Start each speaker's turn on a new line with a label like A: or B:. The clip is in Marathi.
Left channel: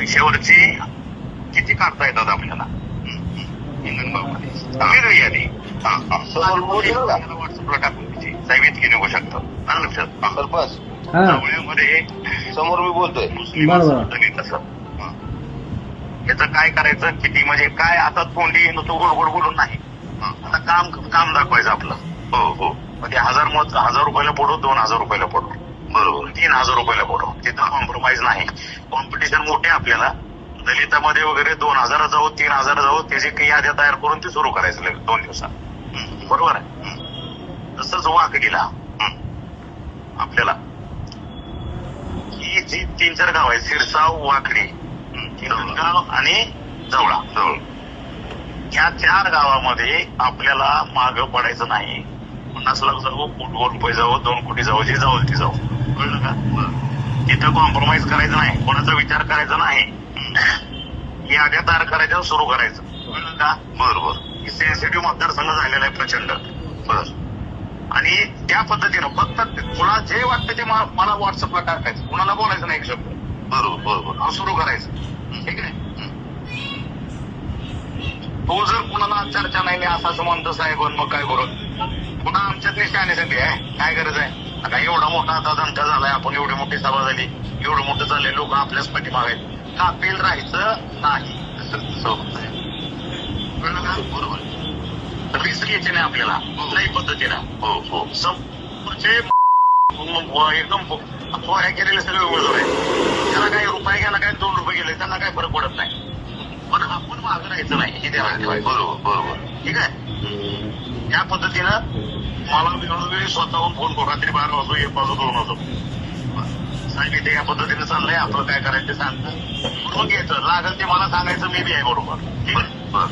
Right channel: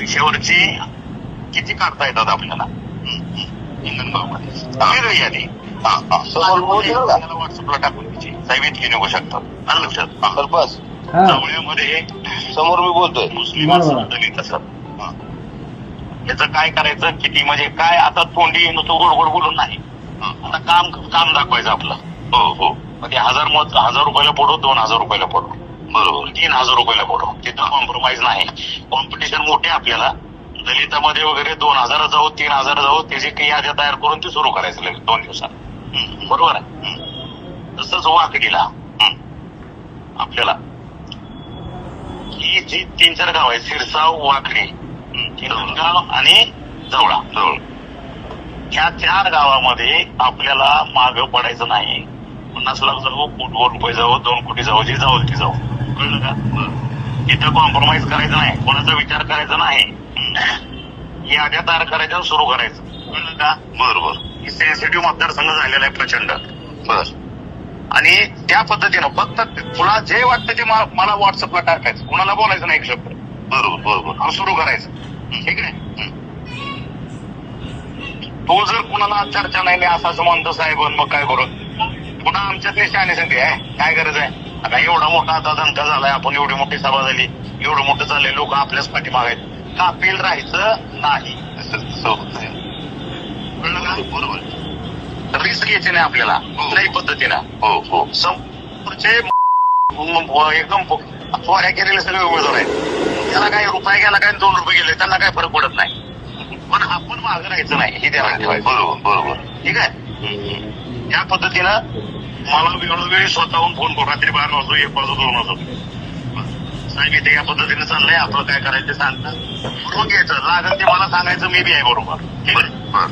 A: विषयावरची किती काढता येतात आपल्याला?
B: का?
A: व्हॉट्सअपला टाकून त्याची साहेब इतकी निघू शकतात. आलं लक्षात?
B: समोर मी बोलतोय.
A: मुस्लिम. असं दलित असं हा. याचं काय करायचं? किती म्हणजे काय? आता तोंडी नुसतं गोड गोड बोलून नाही. हा. आता काम काम दाखवायचं आपलं. हो हो. म्हणजे हजार मत हजार रुपयाला पडो दोन हजार रुपयाला पडो. बरोबर. तीन हजार रुपयाला पडो. तिथं कॉम्प्रोमाइज नाही. कॉम्पिटिशन मोठे आपल्याला. दलितामध्ये वगैरे दोन हजार जाऊ तीन हजार जाऊ त्याची काही याद्या तयार करून ते सुरू करायचं दोन दिवसात. बरोबर आहे. तसंच वाकडीला. आपल्याला. ही जी तीन चार गाव आहेत सिरसाव वाकडी गाव आणि जवळा. जवळ. या चार गावामध्ये आपल्याला माग पडायचं नाही. पन्नास लाख जाऊ कोटी रुपये जाऊ दोन कोटी जाऊ जे जाऊ ते जाऊ. कळलं का? तिथं कॉम्प्रोमाइज करायचं नाही कोणाचा विचार करायचा नाही. याद्या तयार करायच्या आणि सुरू करायचं. कळलं का? बरोबर सेन्सिटिव्ह मतदारसंघ झालेला आहे प्रचंड. बर. आणि त्या पद्धतीनं फक्त तुला जे वाटतं ते मला व्हॉट्सअपला टाकायचं. कुणाला बोलायचं नाही एक शब्द. बरोबर बरोबर. सुरू करायचं. ठीक आहे? तो जर कुणाला चर्चा नाही नाही असं असं म्हणतो साहेब मग काय करू? पुन्हा आमच्या शहाणे सांगते काय गरज आहे? आता एवढा मोठा आता दणका झालाय आपण एवढी मोठी सभा झाली एवढं मोठं झालंय लोक आपल्याच पाठीमाग आहेत. कापील राहायचं? नाही. कळलं का? बरोबर. रिस्क घ्यायची नाही आपल्याला. कुठल्याही पद्धतीनं. हो हो. समोरचे एकदम फवाऱ्या केलेले सगळे उमेदवार आहेत. त्याला काय रुपये गेला काय दोन रुपये गेले त्यांना काय फरक पडत नाही. पण आपण मागं राहायचं नाही हे त्याला ठेवायचं बरोबर बरोबर. ठीक आहे? त्या पद्धतीनं मला वेळोवेळी स्वतःहून फोन करून रात्री बारा वाजो एक वाजो दोन वाजो साहेब इथे या पद्धतीने चाललंय आपलं काय करायचं ते सांगता बरोबर घ्यायचं. लागेल ते मला सांगायचं मी बी आहे बरोबर. ठीक आहे?